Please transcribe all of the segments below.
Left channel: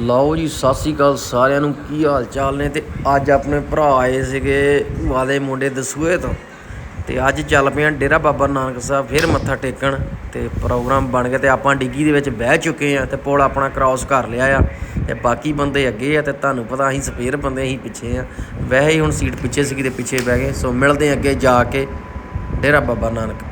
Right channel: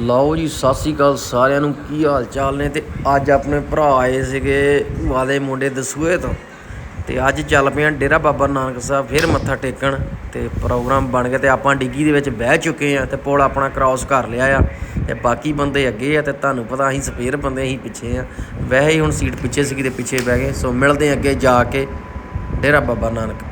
ਲਓ ਜੀ, ਸਤਿ ਸ੍ਰੀ ਅਕਾਲ ਸਾਰਿਆਂ ਨੂੰ, ਕੀ ਹਾਲ ਚਾਲ ਨੇ? ਤੇ ਅੱਜ ਆਪਣੇ ਭਰਾ ਆਏ ਸੀਗੇ ਵਾਲੇ ਮੁੰਡੇ ਦਸੂਏ ਤੋਂ। ਤੇ ਅੱਜ ਚੱਲ ਪਏ ਪਿਆ ਡੇਰਾ ਬਾਬਾ ਨਾਨਕ ਸਾਹਿਬ, ਫਿਰ ਮੱਥਾ ਟੇਕਣ। ਤੇ ਪ੍ਰੋਗਰਾਮ ਬਣ ਗਿਆ ਤੇ ਆਪਾਂ ਡਿੱਗੀ ਦੇ ਵਿੱਚ ਬਹਿ ਚੁੱਕੇ ਆ ਤੇ ਪੁਲ ਆਪਣਾ ਕ੍ਰਾਸ ਕਰ ਲਿਆ ਆ। ਤੇ ਬਾਕੀ ਬੰਦੇ ਅੱਗੇ ਆ ਤੇ ਤੁਹਾਨੂੰ ਪਤਾ ਅਸੀਂ ਸਪੇਅਰ ਬੰਦੇ, ਅਸੀਂ ਪਿੱਛੇ ਆ। ਵੈਸੇ ਹੀ ਹੁਣ ਸੀਟ ਪਿੱਛੇ ਸੀਗੀ ਤੇ ਪਿੱਛੇ ਬਹਿ ਗਏ। ਸੋ ਮਿਲਦੇ ਆ ਅੱਗੇ ਜਾ ਕੇ ਡੇਰਾ ਬਾਬਾ ਨਾਨਕ।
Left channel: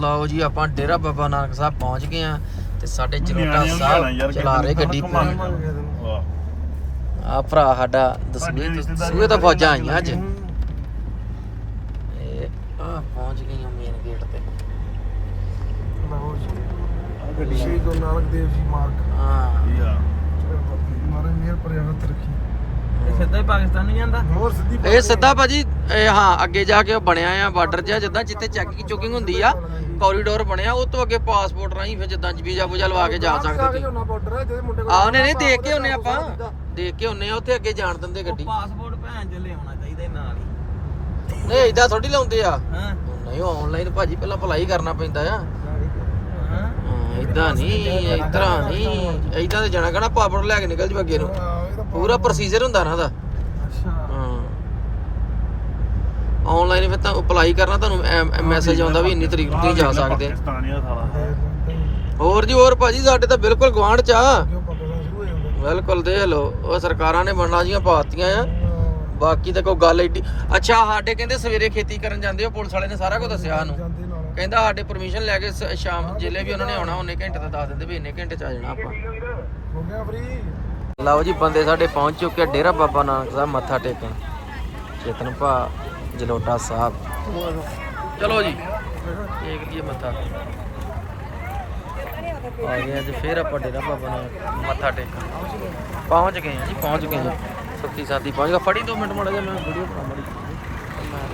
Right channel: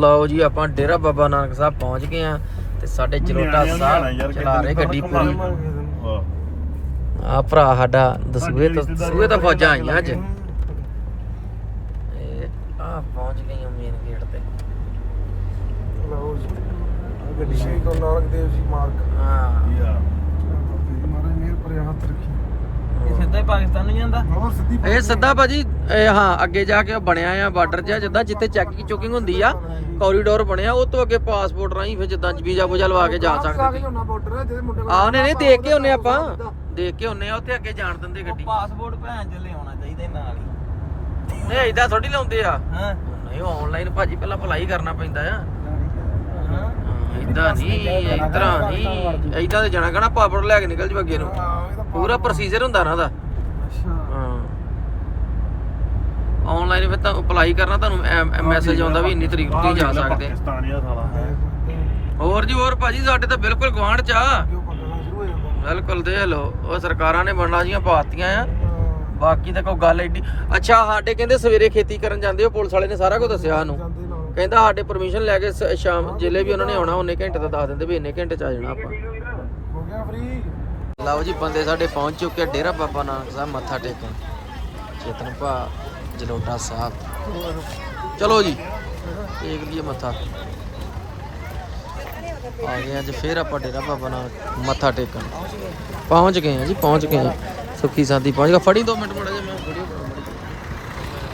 ਲਓ ਜੀ, ਆਪਾਂ ਡੇਰਾ ਬਾਬਾ ਨਾਨਕ ਸਾਹਿਬ ਪਹੁੰਚ ਗਏ ਆ। ਤੇ ਸਾਡੇ ਚਲੋਟਾ ਸਾਹਿਬ ਚਲਾ ਰਹੇ ਗੱਡੀ ਪੂਰੀ। ਆ ਭਰਾ ਸਾਡਾ ਦਸੂਏ ਤੋਂ ਦਸੂਏ ਤੋਂ ਫੌਜਾਂ ਆਈਆਂ ਅੱਜ। ਇਹ ਆ ਪਹੁੰਚ ਗਈਆਂ ਮੇਨ ਗੇਟ ਤੇ। ਗੱਡੀ ਸ਼ਹੀਦ ਤੋਂ ਨਾਨਕ ਦੇਵ ਜੀ ਮਾਰਗ ਹਾਂ। ਮਾਰੇ ਮੇਰ ਪਰ ਰੱਖੀ। ਸਿੱਧੇ ਪਾਕਿਸਤਾਨ ਨੂੰ ਜਾਂਦਾ ਹੋਰ ਸਿੱਧੀ ਇਹ ਸਿੱਧਾ ਭਾਜੀ ਇਹ ਹਾਂ ਅੱਗੇ ਜਾ ਕੇ ਬਣਿਆ ਆ ਬਾਰਡਰ ਜਿਹਾ ਜਿੱਦਾਂ ਜਿੱਥੇ ਚੈਕਿੰਗ ਚੁਕਿੰਗ ਹੁੰਦੀ ਆ ਕੋਰੀਡੋਰ ਬਣਿਆ ਉਹ ਤੋਂ ਅੱਗੇ ਪਾਸਪੋਰਟ ਰਾਹੀਂ ਫਿਰ ਜਿੱਦਾਂ ਵੀਜ਼ਾ ਵੂਜਾ ਲਵਾ ਕੇ ਜਾ ਸਕਦੇ ਹੋਣਾ ਬਾਰਡਰ ਜਿਹਦੇ ਮੁੰਡੇ ਕੋਲ ਆਹ ਨੇ ਨਹੀਂ ਦੇਖ ਕੇ ਹੁੰਨੇ ਆਪਾਂ। ਦੇਖ ਕੇ ਹੁੰਨੇ ਆ ਉੱਥੇ ਅੱਗੇ ਜਾਣ ਦਿੰਦੇ ਗੱਡੀ। ਪਾਸਪੋਰਟ ਭੈਣ ਚ ਲਿਆਉਣਾ ਚਾਹੀਦਾ ਹੀ ਨਾਲ ਹੀ। ਇਹ ਇਦਾਂ ਥੋੜੀ ਲਾਉਂਦੇ ਆ। ਹਾਂ? ਨਹੀਂ ਆਨਲਾਈਨ ਭਾਜੀ ਪਹਿਲਾਂ ਅਪਲਾਈ ਕਰਨਾ ਪੈਂਦਾ ਆ। ਇਦਾਂ ਨਹੀਂ ਇਤਰਾ ਨਹੀਂ। ਇਦਾਂ ਤੇ ਜਾਣਾ ਕਹਣਾ ਪਾਸਪੋਰਟ ਲੈ ਕੇ ਨਿਕਲ ਜੂ ਅੱਗੇ ਨੂੰ। ਪੂਰਾ ਪ੍ਰੋਸੀਜਰ ਹੁੰਦਾ ਨਾ ਦਾ ਹਾਂ। ਆਨਲਾਈਨ ਫਿਰ ਤਾਂ ਅਪਲਾਈ ਕਰਨਾ ਤੁਹਾਨੂੰ ਮੈਸੇਜ ਆਉਂਦਾ ਵੀ ਇੰਨੀ ਤਰੀਕ ਨੂੰ ਤੁਸੀਂ ਜਾ ਸਕਦੇ ਆ। ਪਾਕਿਸਤਾਨੀਆ ਸਾਲਾ ਹੋਰ ਜੀ ਹੋਰ ਭਾਜੀ ਸਾਡੇ ਤਾਂ ਬਿਲਕੁਲ ਗਵਾਂਢ ਚ ਆ। ਕਿਉਂ ਪਕੜਨਾ ਸ਼ੁਰੂ ਹੋ ਜਾਂਦਾ। ਬਿਲਕੁਲ ਦੇਖ ਲਓ ਉਹ ਸਰਕਾਰਾਂ ਨੇ ਬਣਨਾ ਜੀਆਂ ਪਾਤੀਆਂ ਆ। ਬਾਕੀ ਤਾਂ ਕੋਈ ਗੱਲ ਏਡੀ ਅੱਛਾ ਸਾਡੇ ਕਹਿੰਦੇ ਸਵੇਰੇ ਖੇਤੀ ਕਰਨ ਜਾਂਦੇ ਹੋ ਪੁਲਿਸ ਵਾਲੇ ਨੇ ਸਾਰਾ ਕੁਝ ਦੱਸਿਆ ਸਾਨੂੰ। ਜਾਂਦੇ ਨਾਲ। ਕਹਿੰਦਾ ਸਾਡੇ ਪਰਮਿਸ਼ਨ ਲੈ ਕੇ ਸ- ਸ਼ਾਮ ਜਿਲੇ ਵੀ ਉਹਨਾਂ ਨੇ ਆਉਣਾ ਉਹਨੇ ਘੰਟੇ ਦਾ ਦੱਸ ਦਿੰਦੇ ਵੀ ਇੰਨੇ ਘੰਟੇ ਚ ਆ ਜਾਣਾ ਆਪਾਂ। ਹੋ ਗਿਆ ਫ੍ਰੀ ਲਓ ਜੀ, ਬੰਦੇ ਸਾਡੇ ਪਹੁੰਚ ਚੁੱਕੇ ਆ ਡੇਰਾ ਬਾਬਾ ਨਾਨਕ ਸਾਹਿਬ, ਮੱਥਾ ਟੇਕਣ। ਚੇਤਨ ਭਾ, ਜਲੋਟਾ ਸਾਹਿਬ। ਚਲੋ ਜੀ, ਟੇਕ ਲਈਏ ਮੱਥਾ। ਆ ਗਏ ਅੱਜ ਫੇਰ ਆਪਾਂ ਡੇਰਾ ਬਾਬਾ ਨਾਨਕ, ਮੱਥਾ ਟੇਕਣ। ਪਹੁੰਚ ਗਏ ਆ ਜੀ, ਪਹੁੰਚ ਗਏ ਆ। ਸੁੱਖੀ ਸਾਦੀ ਪਹੁੰਚ ਗਏ ਫੜੀ ਦੋ ਮਿੰਟ ਮਾੜਾ ਜਿਹਾ, ਮੈਂ ਵੀਡੀਓ ਬਣਾਉਣੀ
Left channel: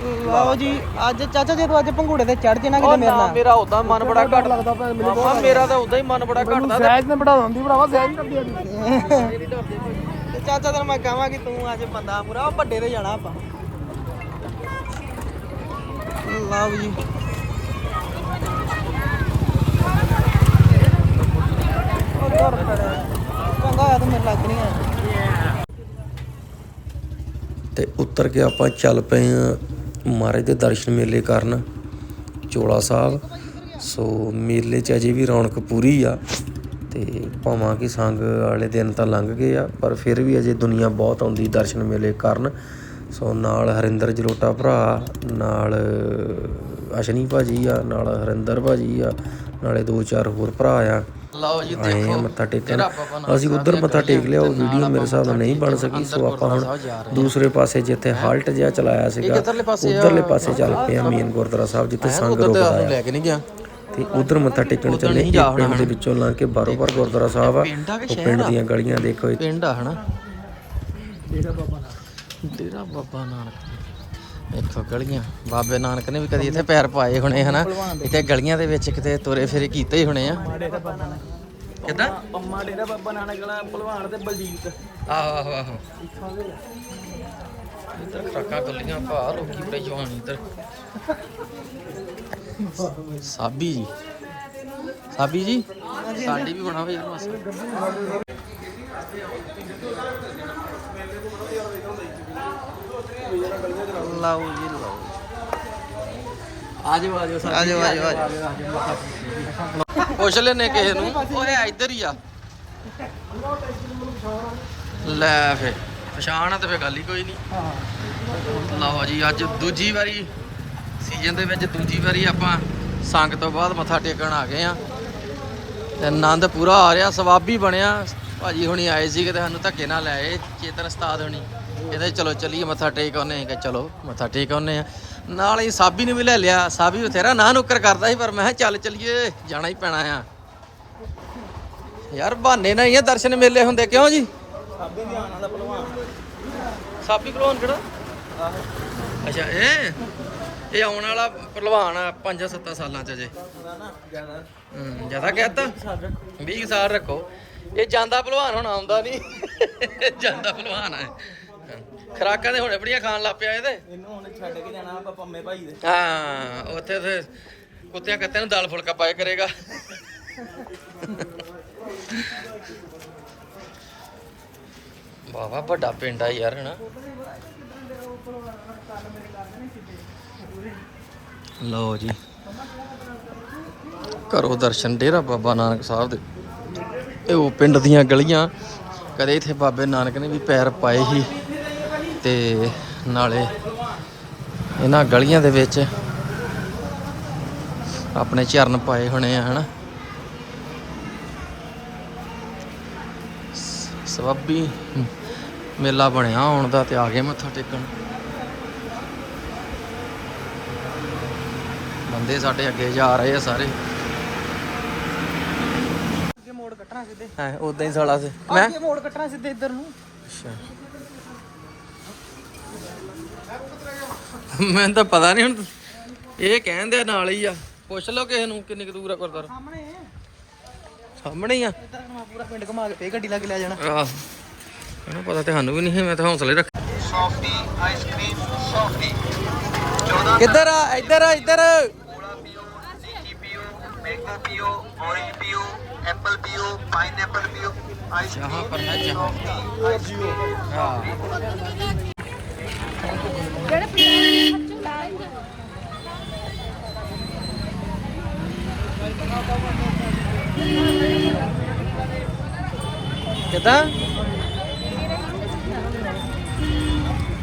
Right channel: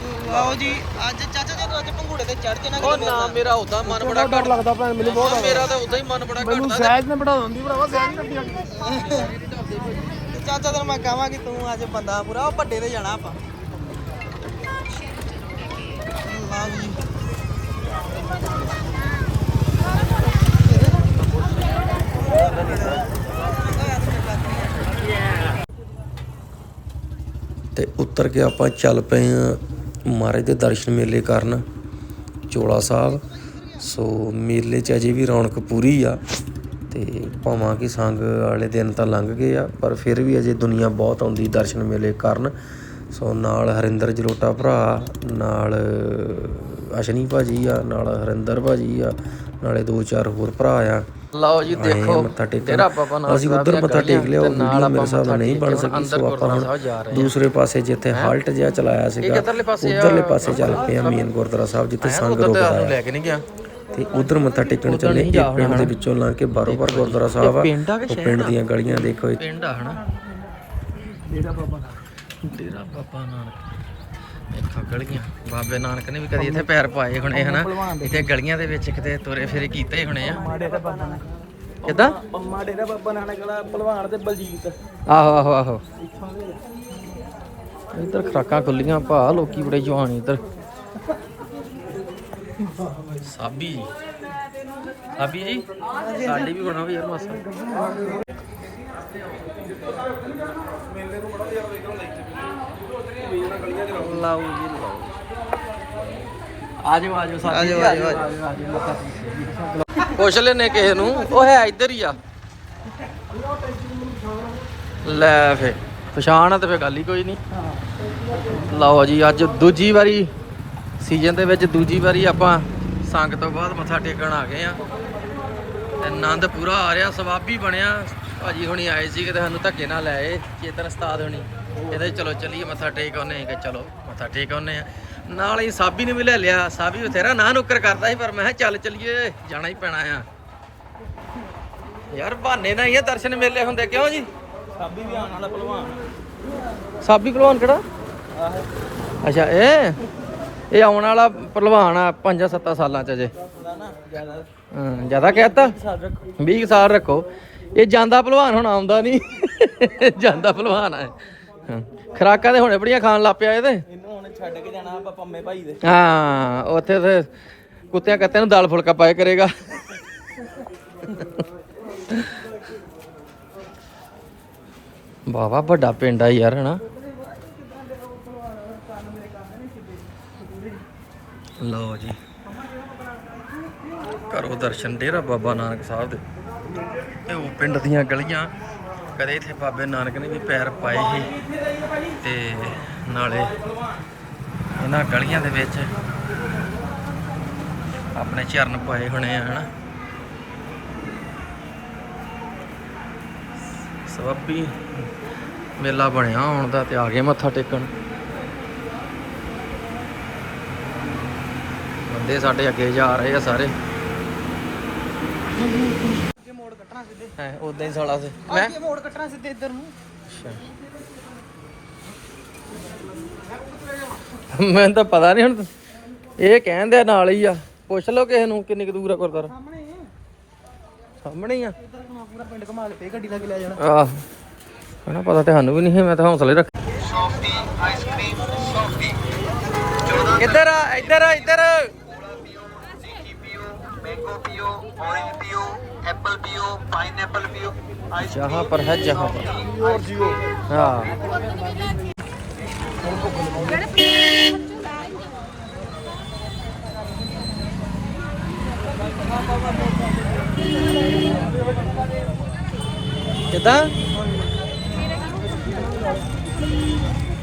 ਲਓ ਜੀ ਅੱਜ ਚਾਚਾ ਜਦੋਂ ਅੱਜ ਪੰਘੂੜੇ ਤੇ ਚੜ ਜਣਾ ਕਿਤੇ ਮੇਰੇ ਨਾਲ ਮੇਰਾ ਉਦਾਂ ਮਨ ਬਹੁਤ ਡਰ ਲੱਗਦਾ ਭੈਣ ਮੈਨੂੰ ਬਹੁਤ ਮੇਰਾ ਤਾਂ ਉਦਾਂ ਹੀ ਮਨ ਬੜਾ ਮੈਨੂੰ ਸਹਿਜ ਨੇ ਬੜਾ ਦਿੰਦੀ ਭਰਾਵਾ ਸਹਿਜ ਜਾਂਦੀ ਤੇ ਚਾਚਾ ਤੈਨੂੰ ਮੈਂ ਕਹਾਂ ਕਿ ਤੂੰ ਅੱਜ ਬੰਦਾ ਪੂਰਾ ਵੱਡੇ ਤੇ ਜਾਣਾ ਆਪਾਂ। ਲਓ ਜੀ। ਤੇ ਤੇ ਉੱਤਰ ਕੇ ਆਪਾਂ ਚੱਲ ਪਏ ਆ ਮਹਾਰਾਜ ਦੇ ਦਰਸ਼ਨ ਮੇਲੇ ਕਰਨ, ਚੋਲਾ ਸਾਹਿਬ ਸੋ ਮੇਲੇ 'ਚ ਅਜੇ ਵੀ ਰੌਣਕ ਪੂਰੀ ਆ ਤੇ ਭਾਵਾਂ ਕਿ ਸੰਗ ਵਾਲੇ ਦਿਨ ਤਾਂ ਲੰਘ ਗਏ ਆ, ਪਰ ਫਿਰ ਵੀ ਅਜੇ ਦੁਨੀਆ ਬਹੁਤ ਆਉਂਦੀ ਦਰਸ਼ਨ ਮੇਲੇ ਕਰਨ। ਸੋ ਨਾਲ ਹਰਿੰਦਰ ਜਲੋਟਾ ਭਰਾ, ਨਾਲ ਅਸ਼ਨੀ ਭਾਜੀ ਆ, ਨਾਲ ਹਰਿੰਦਰ ਭਾਜੀ ਆ, ਨਾਲੇ ਦੋ ਚਾਰ ਹੋਰ ਭਰਾ ਆ। ਲਓ ਜੀ ਦੇਖੋ ਮੱਥਾ ਟੇਕਣ। ਅਸੀਂ ਉਧਰ ਮੱਥਾ ਟੇਕ ਲਿਆ ਉਹ ਵੀਡੀਓ ਮੇਰੇ ਹਿਸਾਬ ਨਾਲ ਨਹੀਂ ਬਣ ਸਕੀ ਸੋ ਆਪਾਂ ਹੁਣ ਦੂਸਰੇ ਪਾਸੇ ਜਿੱਥੇ ਹਾਲਟ ਜਿਹਾ ਚਲਾਇਆ ਸੀਗਾ ਉਧਰਲੇ ਪਾਸੇ ਚੱਲ ਪਏ ਆ ਮੇਨ ਗੁਰਦੁਆਰਾ ਸਾਹਿਬ ਜਿੱਥੇ ਸੰਗ ਰੁਕਦਾ ਆ। ਲੈ ਕੇ ਨਹੀਂ ਗਿਆ। ਤੇ ਉਧਰ ਮੱਥਾ ਟੇਕਣ ਚੱਲੇ ਇਹ ਪਿੰਡ ਦੇ ਵਿੱਚੋਂ ਲੰਘ ਕੇ ਬਾਰੋ ਬਾਰ ਗੁਰਦੁਆਰਾ ਸਾਹਿਬ ਆ। ਉਹ ਪਿੰਡ ਦੀਆਂ ਗਲੀਆਂ ਦੇਖੋ ਪਿੰਡ ਆ ਹਨਾ? ਡੇਰਾ ਬਾਬਾ ਨਾਨਕ ਡੇਰਾ ਬਾਬਾ ਨਾਨਕ। ਦੇਖੋ, ਗਲੀਆਂ। ਬਾਬੇ ਨਾਨਕ ਨੇ ਵੀ ਕਦੀ ਇੱਥੇ ਪੈਰ ਪਾਏ ਹੋਣੇ, ਹਨਾ? ਇੱਥੇ ਗਲੀਆਂ ਦੇ ਵਿੱਚ ਕਿਤੇ ਤੁਰੇ ਫੇਰੇ ਕੀਤੇ ਹੀ ਹੋਣੇ ਆ। ਕਿਦਾਂ? ਪੰਮਾ ਡੇਰਾ ਬਾਬਾ ਨਾਨਕ ਵਾਲਾ ਭਲਵਾਨ ਤੇ ਬਲਜੀਤ ਆਹੋ ਆਹੋ ਆਹੋ। ਇੱਧਰ ਖਰਾਕਾਂ ਖੁੱਲੀਆਂ ਭਾ, ਲੋਕੀ ਬੜੇ ਜਵਾਨ ਇੱਧਰ। ਸਾਬੀ ਜੀ। ਸਾਬੀ ਜੀ, ਸਾਡੀ ਵੀ ਬਣਾਓ ਯਾਰ ਮਾਸਾ। ਲਾਓ ਜੀ ਲਾਓ। ਆਜੋ ਆਜੋ ਆਜੋ ਆਜੋ ਆਜੋ ਪੁੱਛ ਲੈਨੇ ਕਿਸੇ ਨੂੰ। ਉਹ ਹੈ ਇੱਧਰ ਹੀ ਆ। ਲੈ ਫੇ ਪਛਾਣ ਆ ਤੇ ਫੇ ਗੱਲ ਹੀ ਕੋਈ ਨਹੀਂ ਲਓ ਜੀ ਅੱਜ ਦੂਜੀ ਵਾਰੀ ਸੀਜ਼ਨ ਦੇ ਵਿੱਚ ਦੂਜੀ ਵਾਰੀ ਆਪਾਂ ਸੰਗ ਤੋਂ ਬਾਅਦ ਮੱਥਾ ਟੇਕਣ ਆ ਗਏ ਆ ਤੇ ਆਨੰਦ ਪੂਰਾ ਆ ਰਿਹਾ ਸਵਾਬੀ ਬਣਿਆ। ਭਾਜੀ ਹੁਣੀ ਆਏ ਸੀ ਕਿਤੇ ਸਾਨੂੰ ਧੱਕੇ ਨਾਲ ਲੈ ਆਏ ਚੇਤਨ ਉਸਤਾਦ ਹੁਣੀ। ਇਹਦੇ ਚਲੋ ਚੱਲੀਏ, ਮੱਥਾ ਟੇਕ ਆਉਨੇ ਕਿ ਚਲੋ, ਮੱਥਾ ਟੇਕ ਆਉਨੇ ਆ ਨਾਲ ਹੀ ਸਾਬੀ ਨੂੰ ਵੀ ਲੈ ਲਿਆ। ਸਾਬੀ ਬਥੇਰਾ ਨਾ ਨੁੱਕਰ ਕਰਦਾ ਸੀ, ਪਰ ਮੈਂ ਕਿਹਾ ਚੱਲ ਚੱਲੀਏ, ਜਾਣਾ ਹੀ ਪੈਣਾ ਆ। ਯਾਰ ਬਹਾਨੇ ਨਾਲ ਹੀ ਆ ਦਰਸ਼ਨ ਮੇਲੇ ਹੁੰਦੇ, ਕਿਉਂ ਜੀ? ਸਾਬੀ ਭਲਵਾਨ ਕਿਹੜਾ? ਅੱਛਾ, ਇਹ? ਇਹ ਆਉਣ ਵਾਲਾ ਭਲਵਾਨ ਆ 5-7 ਸਾਲਾਂ ਚ ਅਜੇ। ਹਾਂ, ਜ਼ਿਆਦਾ ਕਹਿਤਾ 20 ਸਾਲ ਰੱਖੋ। ਇਹ ਜਾਂਦਾ ਭਲਵਾਨ ਹੁਣ ਆਉਂਦਾ ਨਹੀਂ। ਜਾਂਦਾ ਭਲਵਾਨ ਆ। ਖੁਰਾਕਾਂ ਦੇ ਹੁਣੇ ਬੜੀਆਂ ਖਾਣ ਲੱਗ ਪਿਆ ਇਹਦੇ। ਇਹਨੂੰ ਹੁਣ ਛੱਡ ਕੇ ਜਾਣਾ ਆਪਾਂ ਪੰਮੇ ਭਾਈ ਦੇ। ਹਾਂ ਉੱਥੇ ਤੇ ਕੁੱਤਿਆਂ ਕੱਤਿਆਂ ਨੂੰ ਦਾਲ ਫੁਲਕਾ ਪਾਏ ਕਰੇਗਾ। ਬਾਵਾ ਵੱਡਾ ਪਿੰਡ ਆ ਯਾਰ ਹਨਾ? ਲਓ ਜੀ। ਕਰੋ ਦਰਸ਼ਨ ਡੇਰਾ ਬਾਬਾ ਨਾਨਕ ਸਾਹਿਬ ਦੇ। ਇਹ ਉਹ ਪਿੰਡ ਦੀਆਂ ਗਲੀਆਂ। ਕਦੇ ਇੱਥੇ ਬਾਬੇ ਨਾਨਕ ਨੇ ਵੀ ਪੈਰ ਪਾਏ ਸੀ ਤੇ ਨਾਲੇ ਇਹਨਾਂ ਗਲੀਆਂ ਦੇ ਵਿੱਚ ਆਪਣੇ ਚਰਨ ਪਾਏ ਹੋਣੇ ਆ, ਹਨਾ? ਸਵਾਬੀ ਮੇਲਾ ਬਣਿਆ ਆਉਣ ਦਾ ਤੇ ਆ ਗਏ ਮੱਥਾ ਟੇਕਣ। ਬੰਦੇ ਸਾਡੇ ਅੱਗੇ ਜਾ ਰਹੇ ਆ ਸਾਰੇ ਅੱਗੇ ਮੋੜ ਕੱਟਣਾ ਸਿੱਧੇ ਹੈ ਉਦਾਂ ਹੀ ਸਾਲਾ ਸੀ। ਮੈਂ ਅੱਗੇ ਮੋੜ ਕੱਟਣਾ ਸਿੱਧੇ ਇੱਧਰ ਨੂੰ? ਅੱਛਾ। ਮੈਨੂੰ ਤਾਂ ਪਤਾ ਨਹੀਂ ਹੁਣ ਇਹ ਕਹਿੰਦੇ ਆ ਨਾਲ ਹੀ ਆ। ਪੁੱਛ ਲਓ ਕਿਸੇ ਨੂੰ ਕਿੰਨੀ ਕੁ ਦੂਰ ਆ ਗੁਰਦੁਆਰਾ। ਸਾਹਮਣੇ ਸਾਹਮਣੇ ਹੀ ਆ। ਇੱਧਰ ਘੁਮਾ ਪੂਰਾ ਪਿੰਡ ਘੁਮਾ ਕੇ ਫੇਰ ਗੱਡੀ ਲਾ ਕੇ ਲੈ ਜਾਣਾ। ਆਹ। ਇਹਨਾਂ ਪਤਾ ਤੇ ਸਾਨੂੰ ਵੀ ਨਹੀਂ ਹੈ ਮੈਂ ਤਾਂ ਹੌਸਲੇ ਰੱਖ ਸੌਫਟੀ ਆਈਸਕ੍ਰੀਮ ਸੌਫਟੀ ਇੱਧਰ ਆ ਇੱਧਰ ਆ ਇੱਧਰ। मैंगो पियो ऑरेंज पियो एप्पल पियो पाइनएप्पल पियो जहाँ पर है जहाँ पर आइसक्रीम हाँ ਕਿਦਾਂ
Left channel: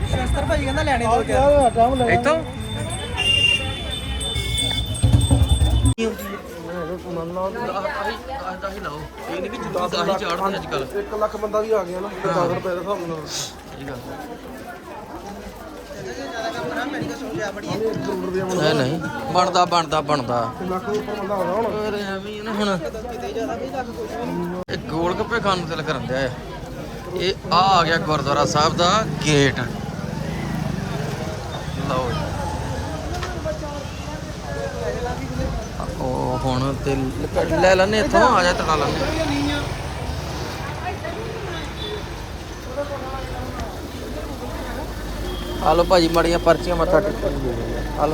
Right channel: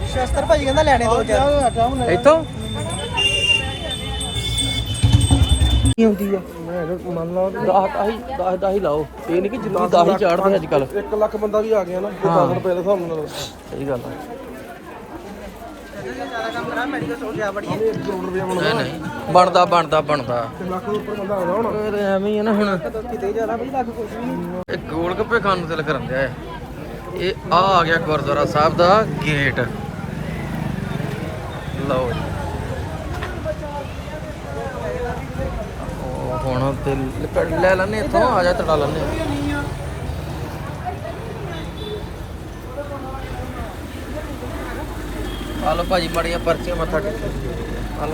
ਸ਼ਸਤਰ ਭਾਈ ਕਹਿੰਦਾ ਲੈਣੇ ਦੋ ਚਾਰ ਇੱਥੋਂ ਹੁੰਦੀ ਆ? ਦਸ ਦਸ ਦਸ ਦਸ ਹੀ ਲਾਓ ਇਹ ਨਹੀਂ ਕਿ ਜੁੱਤੀ ਦਸ ਹੀ। ਚਾੜਦੇ ਅੱਜ ਕੱਲ 1 ਲੱਖ ਬੰਦਾ ਵੀ ਆ ਗਿਆ। ਨਾ ਹਾਂ। 1000 ਰੁਪਏ ਦਾ ਹਿਸਾਬ ਨਾਲ ਸਹੀ ਗੱਲ ਆ। ਸਾਹਮਣੇ 1 ਕਰੋੜ ਰੁਪਏ ਬਣਦਾ ਨਹੀਂ। ਨਹੀਂ ਬਣਦਾ ਬਣਦਾ ਬਣਦਾ। ਤੇ ਲੱਖ ਦੇ ਉੱਪਰ ਬੰਦਾ ਆ ਗਿਆ ਹੁਣ। ਇਹ ਤਾਂ ਐਵੇਂ ਹੀ ਆ ਨਾ ਹੁਣ। ਕਿਤੇ ਜ਼ਿਆਦਾ ਵੀ ਲੱਗ ਕੁਛ ਨਹੀਂ ਇਹ ਗੋਲ ਗੱਪੇ ਖਾਣ ਨੂੰ ਦਿਲ ਕਰਨ ਦਿਆ ਇਹ ਆ ਆ ਗਿਆ ਗੁਰਦੁਆਰਾ ਸਾਹਿਬ ਦਾ ਗੇਟ। ਲਓ ਜੀ ਉਹ ਹੁਣ ਤੇ ਲ- ਲੈ ਲੈਣੇ ਇੱਥੋਂ ਆ ਜਾ ਤੜਾ ਲੈਣੇ ਆ। ਭਾਜੀ ਮੜੀਆਂ ਪਰਚੀਆਂ ਮੱਥਾ ਟੇਕੋ ਆ।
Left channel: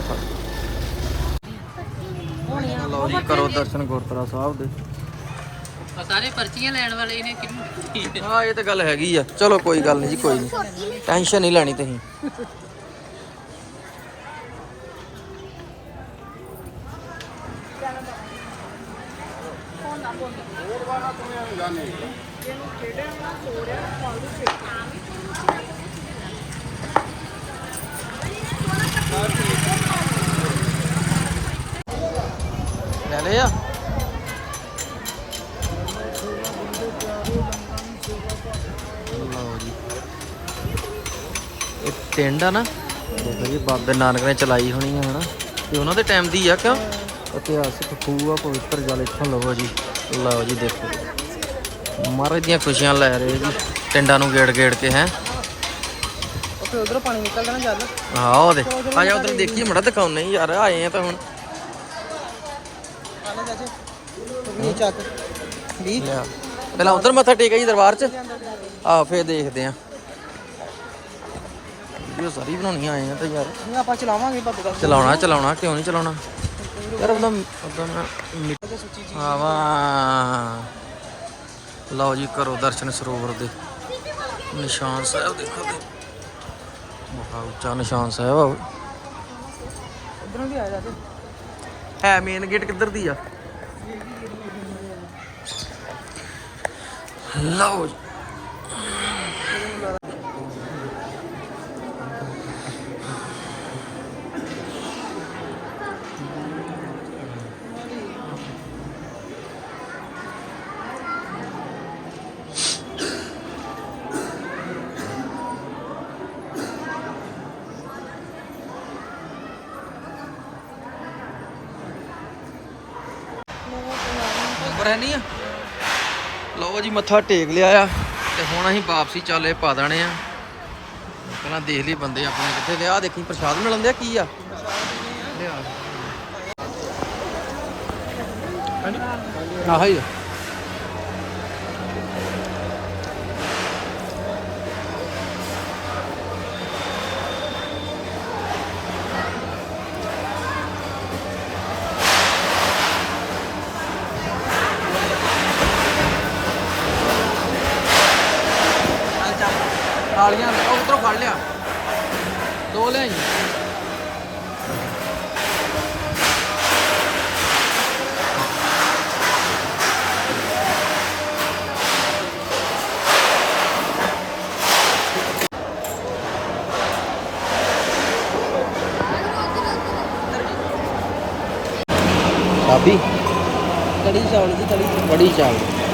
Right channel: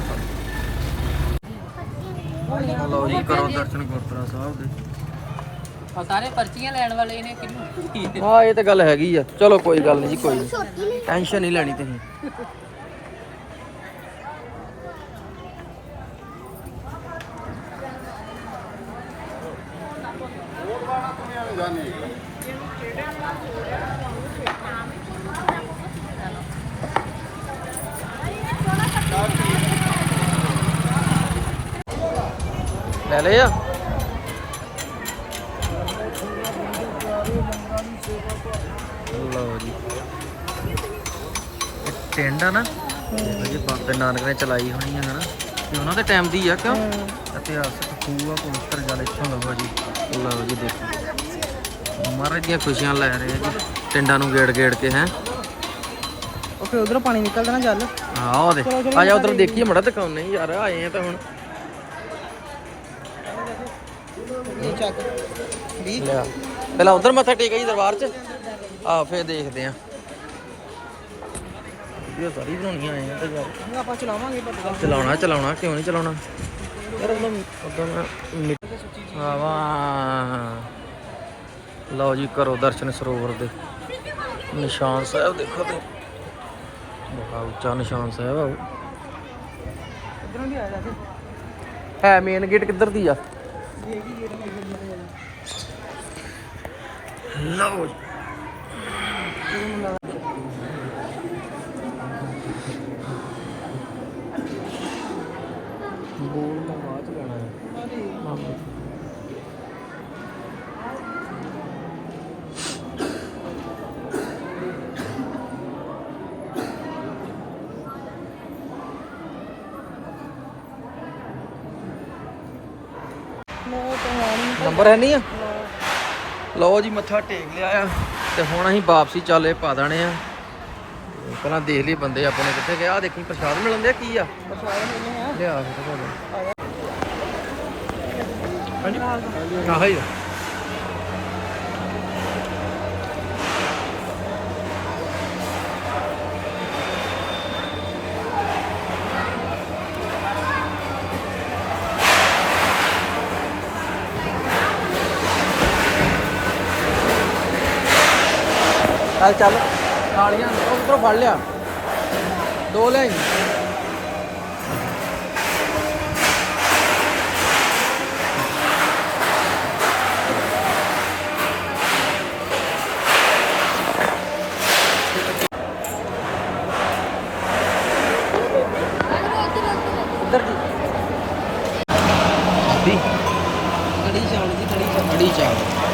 ਲਓ ਜੀ ਕਰੋ ਦਰਸ਼ਨ ਗੁਰਦੁਆਰਾ ਸਾਹਿਬ ਦੇ। ਸਾਰੇ ਪਰਚੀਆਂ ਲੈਣ ਵਾਲੇ ਨੇ ਕਿੰਨੂੰ ਹਾਂ ਇਹ ਤਾਂ ਗੱਲ ਹੈਗੀ ਆ। ਚਲੋ ਕੋਈ ਗੱਲ ਨਹੀਂ ਜੀ ਕੋਈ ਨਹੀਂ। ਟੈਨਸ਼ਨ ਨਹੀਂ ਲੈਣੀ ਤੁਸੀਂ। ਨਾਨਕ ਨੇ ਚਲਾਈ ਹੋਣੀ ਹੈ ਹਨਾ? ਤੇ ਉਹਨਾਂ ਦੇ ਟਾਈਮ ਦੀ ਆ ਕਿਉਂ? ਇਤਿਹਾਸਕ ਖੂਹ ਆ ਪਵਿੱਤਰ ਜਲ ਇੱਥੇ ਲਵੋ ਜੀ। ਲਓ ਜੀ ਦੇਖੋ। ਮਹਾਰਾਜ ਦੀਆਂ ਖੁਸ਼ੀਆਂ ਲੈ ਰਹੇ ਜੀ। ਟਿੰਡਾਂ ਨੂੰ ਗੇੜ ਗੇੜ ਕੇ ਹੈ? ਉੱਥੇ ਉਧਰੋਂ ਪਾਣੀ ਨਿਕਲ ਗਿਆ ਨਾ ਚੱਲ ਹਾਂ ਉਹ ਦੇ ਆ ਜਾ ਉਧਰ ਦੇਖੀਏ ਮੜਾ ਦਿਖਾਉਣੇ ਯਾਰ ਆਏ ਆ ਤਾਂ ਹੁਣ। ਚੱਕ। ਪਹਿਲਾਂ ਉਧਰ ਮੱਥਾ ਟੇਕਿਆ ਜੀ ਦਰਬਾਰ 'ਚ। ਆ ਫੇਰ ਦੇਖਦੇ ਆ ਵੀਡੀਓ ਸਾਰੀ ਬਣਾਉਣੀ ਆਏ ਆ ਤਾਂ ਯਾਰ। ਆਪਾਂ ਚਲਾਵਾਂਗੇ ਗੱਲ ਚਲਾਉਣਾ ਚਲਾਉਣਾ ਕਿਉਂ ਨਹੀਂ ਚਲਾਉਣਾ? ਯਾਰ ਉਹਦਾ ਉਹਦਾ ਮੈਂ ਆਵਾ ਲਓ ਜੀ ਕਰੋ ਦਰਸ਼ਨ ਸਰੋਵਰ ਦੇ। ਨਿਸ਼ਾਨ ਸਾਹਿਬ ਦੇਖੋ ਤੇ। ਬਹੁਤ ਉੱਚਾ ਨਿਸ਼ਾਨ ਸਾਹਿਬ ਆ ਹੈ ਮੇਨ ਗੇਟ ਕਿੱਧਰ ਦੀ ਆ? ਲਓ ਜੀ। ਨੰਬਰ ਹੈ ਨਹੀਂ ਆ। ਲਓ ਜੀ, ਮੱਥਾ ਟੇਕ ਲਿਆ ਆ ਤੇ ਹੁਣ ਅਸੀਂ ਵਾਪਸੀ ਚੱਲੇ ਪਾ ਦੇਣੇ ਆ। ਪਹਿਲਾਂ ਦੇਖ ਲਈ ਬੰਦੇ ਆਪਣੇ ਕਿੱਥੇ ਗਏ। ਆ ਦੇਖੀ, ਪ੍ਰਸ਼ਾਦ ਮਿਲਣ ਦਿਆ ਕੀ ਆ? ਲਿਆ ਆਹ ਹੀ ਆ। ਫੜ ਲਿਆ। ਦੋ ਲਿਆਈ ਭਾਬੀ। ਕੜੀ ਚੌਲ ਜੀ ਕੜੀ ਚੌਲ ਕੜੀ ਚਾਵਲ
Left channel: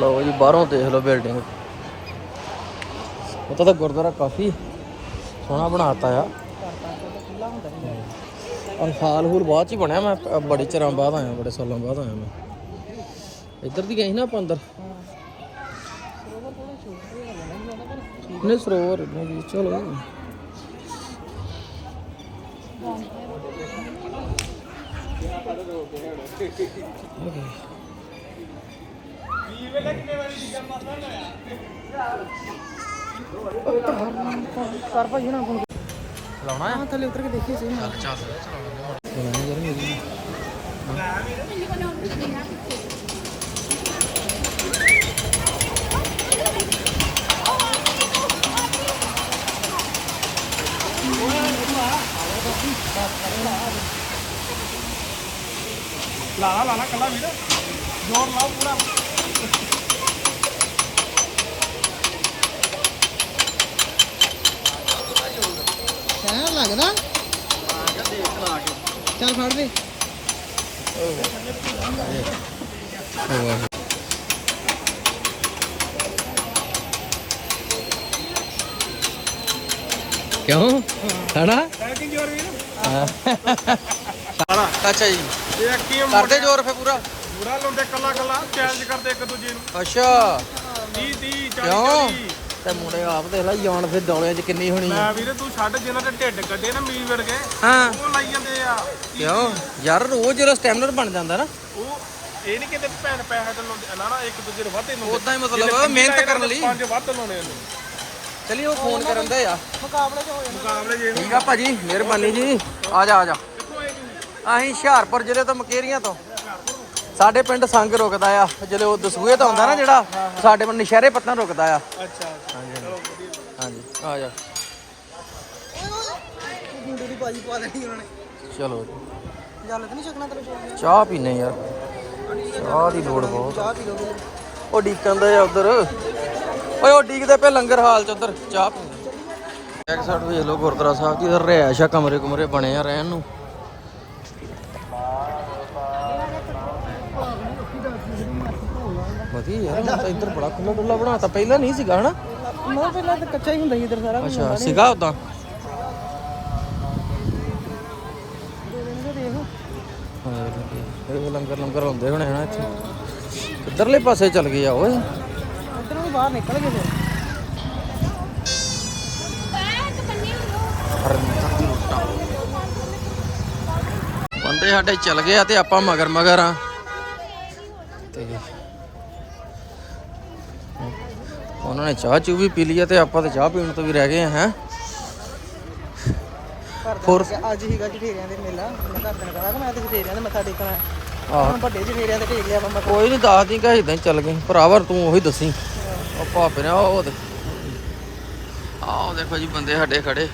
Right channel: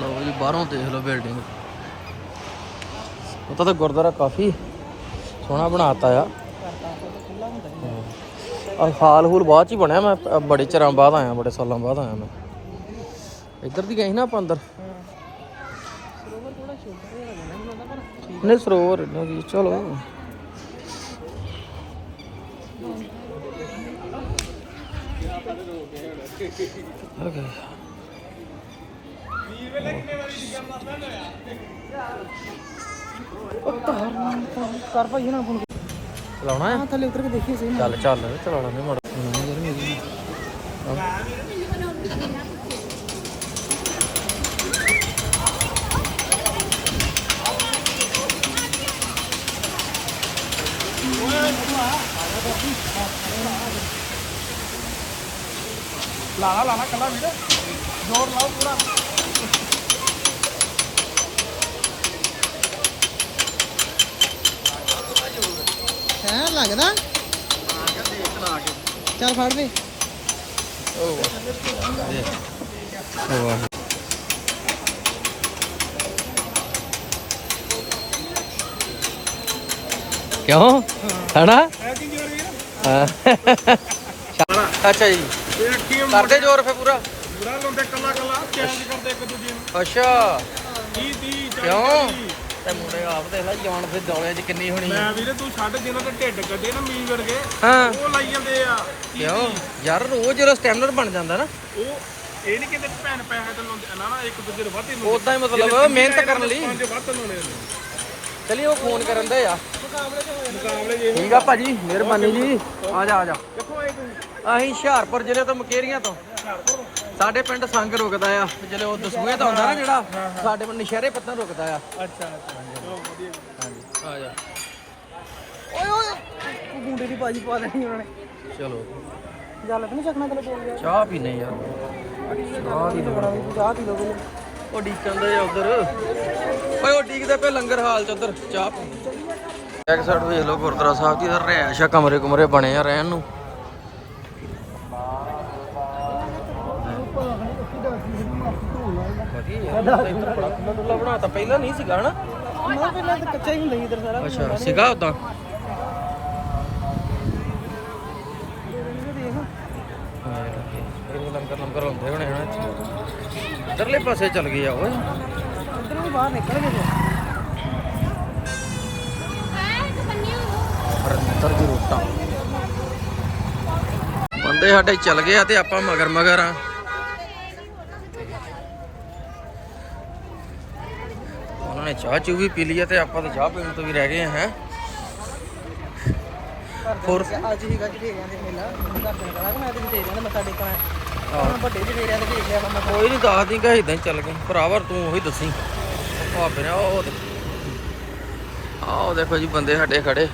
ਲਓ ਜੀ ਬਾਹਰੋਂ ਦੇਖ ਲਓ ਬਿਲਡਿੰਗ ਪਤਾ ਤਾਂ ਗੁਰਦੁਆਰਾ ਕਾਫੀ ਸੋਹਣਾ ਬਣਾਤਾ ਆ। ਆ ਹਾਲ ਹੂਲ ਬਾਅਦ ਚ ਬਣਿਆ, ਮੈਂ ਬੜੇ ਚਿਰਾਂ ਬਾਅਦ ਆਇਆ, ਬੜੇ ਸਾਲਾਂ ਬਾਅਦ ਆਇਆ ਮੈਂ। ਇੱਧਰ ਦੀ ਗਈ ਨਾ ਆਪਾਂ ਅੰਦਰ? ਨਹੀਂ, ਸਰੋਵਰ ਨਹੀਂ ਜੀ, ਚਲੋ। ਚਲਾਉਣਾ ਹੈ ਥੱਲੇ ਉਤਰ ਕੇ ਦੇਖੀ ਸੀ ਚੱਲ ਚੱਲ ਚਲਾਉਣਾ ਨਹੀਂ ਮੜ ਚਲਾਉਣਾ ਯਾਰ ਮੇਰੀ ਲਾਣਾ ਲਾਣਾ ਕੱਲਾ ਵੀਰ ਜ਼ੋਰ ਲਾਓ ਪੂਰਾ ਹੈ ਲੱਗਦਾ? ਚੱਲ ਫੜ ਵੇ ਕਿਉਂ? ਹੈਨਾ? ਹੈ। ਅੱਛਾ ਜੀ। ਕਰਦੇ ਜ਼ੋਰ ਫੇ ਪੂਰਾ। ਪੂਰਾ ਲੁੰਡੇ ਕੱਲਾ ਕੱਲਾ ਚੈਲੰਜ ਕਰਦੇ ਇੱਕ ਦੂਜੇ ਨੂੰ। ਅੱਛਾ। 30 30 ਕਿਉਂ? ਤੇ ਮੁੰਡੇ ਆਪ ਦੇਖ ਲੈ ਯਾਨ ਫਿਰ ਦੌਲੇ ਚ ਕਿੰਨੀ ਹੋਣੀ ਆ। ਮੈਂ ਵੀਰੇ ਤੂੰ ਛੱਡ ਜਿਹਨਾਂ ਦੇ ਢਿੱਡ ਕੱਢੇ ਨਾ ਮੀਂਹ ਵਰਗੇ ਹਾਂ। ਉਹ ਲਾਈ ਜਾਂਦੇ ਆ। ਕਿਉਂ? ਯਾਰ ਰੋਜ਼ ਜਿਹੜਾ ਸਟੈਮਿਨਰ ਬਣ ਜਾਂਦਾ ਨਾ। ਉਹ ਇਹ ਨਹੀਂ ਕਿਤੇ ਭੈਣ ਪੈਸੇ ਤੇ ਲਾਉਂਦੇ ਨਾ ਨਾ ਇੱਕ ਦੂਜੇ ਦੇ ਵਾਧੇ ਉਦਾਂ ਹੀ ਮਤਲਬ ਮਿਹਨਤ ਕਰਨ ਲਈ। ਪੰਜ ਵੱਧ ਲਾਉਣੇ ਹੁੰਦੇ ਚਲੀ ਉਹ ਫੋਨ ਕਰਨ ਦੇ ਆ। ਮੁਕਾਬਲੇ ਜੇ ਠੀਕ ਆ ਭਾਜੀ ਮਿਹਰਬਾਨੀ ਜੀ। ਆ ਜਾ ਆ ਜਾ। ਅਸੀਂ ਹੁਸ਼ਿਆਰਪੁਰ ਜ਼ਿਲ੍ਹੇ ਤੋਂ ਮਕੇਰੀਆਂ ਤੋਂ। ਸਾਡੇ ਪਿੰਡ ਸੰਗ ਰੁਕਦਾ ਆ ਜਦੋਂ ਉਹ ਦਸੂਏ ਤੋਂ ਆਉਂਦਾ ਨਾ ਜਿਹੜਾ ਸਾਡੇ ਪਿੰਡ ਨਸ਼ਹਿਰੇ ਪੱਤਨ ਰੁਕਦਾ ਆ। ਅੱਛਾ ਹਾਂਜੀ। ਆ ਜਾ। ਓਏ ਓਏ ਗੁੰਡੀ ਦੀ ਭਾਜੀ ਪਾ ਦੇਣੀ ਉਹਨਾਂ ਨੇ। ਚਲੋ। ਜਲ ਤਾਂ ਨਹੀਂ ਬੋਲ ਗਿਆ ਚਾਹ ਪੀਨੇ ਯਾਰ। ਚਾਹ ਦੀ ਲੋੜ ਬਹੁਤ ਚਾਹ ਪੀ ਲੋਗੇ ਉਹ ਡੀਕਣ ਦੇ ਉਧਰ। ਓਏ ਉਹ ਡੀਕਦੇ ਪਏ ਲੰਗਰ ਹਾਲ ਚ ਉਧਰ। ਚਾਹ ਪੀਂਦੇ ਬੈਕ ਸਾਈਡ ਵੇਖ ਲਓ ਗੁਰਦੁਆਰਾ ਸਾਹਿਬ ਇਧਰ ਰਿਹਾਇਸ਼ਾ ਕਮਰੇ ਕੁਮਰੇ ਬਣੇ ਆ ਰਹਿਣ ਨੂੰ ਵਧੀਆ ਯਾਰ ਇੱਧਰ ਬੜਾ ਖੁੱਲਾ ਡੁੱਲਾ ਬਣਾਤਾ ਪਹਿਲਾਂ ਨਹੀਂ ਸੀਗਾ ਹਨਾ? ਨਾ ਪਹਿਲਾਂ ਤਾਂ ਕੱਚਾ ਹੀ ਹੁੰਦਾ ਸੀ ਇਧਰ ਸਾਰਾ ਅੱਛਾ ਸੀਗਾ ਉਦਾਂ? ਇਹ ਲੰਗਰ ਲੰਗਰ ਹੁੰਦੇ ਹੋਣੇ ਹਨਾ ਇੱਥੇ। ਇਧਰਲੇ ਪਾਸੇ ਚੱਲ ਗਏ ਆ ਓਏ। ਉਧਰ ਵੀ ਬਾਹਰ ਨਿਕਲ ਗਏ ਹਰਮਿੰਦਰ ਦੀ ਰੋਟਾ। ਬੰਦੇ ਸਾਡੇ ਚੱਲ ਗਏ ਆ ਤੇ ਆਪਾਂ ਮਗਰ ਮਗਰ ਆ। ਉਹਨਾਂ ਨੇ ਚਾਹ ਚੂ ਵੀ ਪੀ ਲਈ ਤੇ ਆਪਾਂ ਤੇ ਚਾਹ ਪੀਣ ਤੋਂ ਵੀ ਰਹਿ ਗਏ ਹੈ। ਹੋਰ? ਅੱਜ ਹੀ ਗੱਜ ਢੇਰੀਆਂ ਦੇ ਮੇਲਾ। ਮੈਂ ਤਾਂ ਢੇਰੀਆਂ ਨੇ ਮੱਥਾ ਟੇਕਿਆ ਆਹ। ਵੱਡੇ ਜਿਹੇ ਢੇਰੀਆਂ ਤੇ ਢੇਕ ਲਿਆ ਬੰਦਾ। ਕੋਈ ਨਹੀਂ ਦੱਸਦੀ ਕਿ ਇਦਾਂ ਹੀ ਚੱਲ ਗਏ। ਭਰਾਵਰ ਤੂੰ ਉਹੀ ਦੱਸੀ। ਉਹ ਭਾਪੇ ਨੇ ਉਹ ਆਹ ਦੇਖੋ ਜੀ ਬੰਦੇ ਸਾਡੇ ਖੜੇ।